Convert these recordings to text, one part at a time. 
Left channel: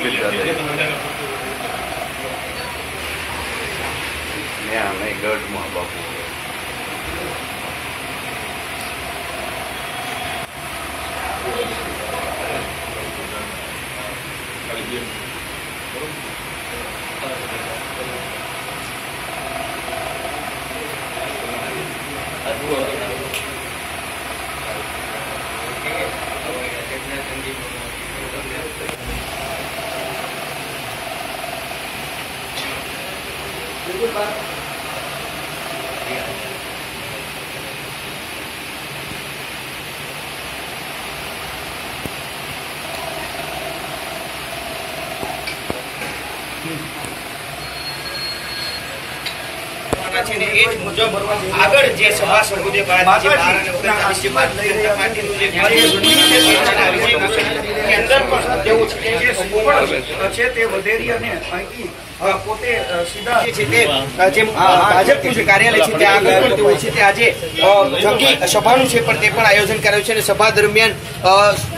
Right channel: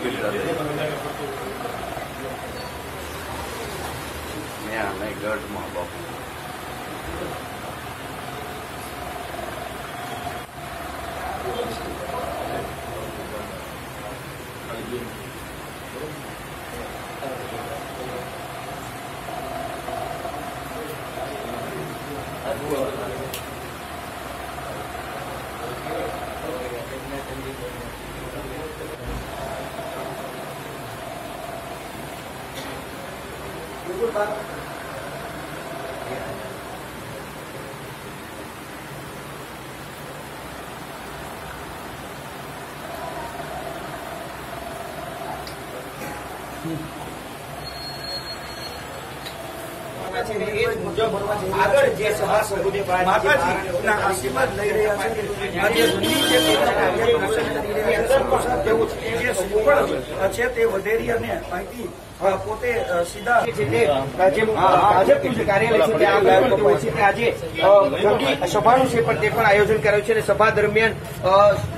office આદે ત્યાં નહીં ગઢમાં બાપુ આગળ જે સભા સંબોધે બાદ જે 12 ભારતીય જનતા પાર્ટીનું જે વિજય ઘોષણા અંદર પણ તેવું છે જે છે તે વધેરી અને પોતે સીધા જે ભાજપનું જે કાર્યાલય છે ત્યાં આગળ પડતું હોય છે તે આજે જંગી સભાનું છે પણ તે પણ આયોજન કરાયું છે અને સભા દરમિયાન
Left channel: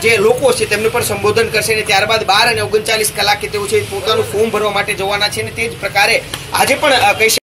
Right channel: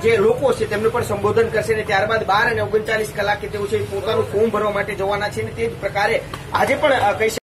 જે લોકો છે તેમને પણ સંબોધન કરશે અને ત્યારબાદ 12 અને 39 કલાકે તેઓ છે પોતાનું ફોર્મ ભરવા માટે જવાના છે અને તે જ પ્રકારે આજે પણ કહી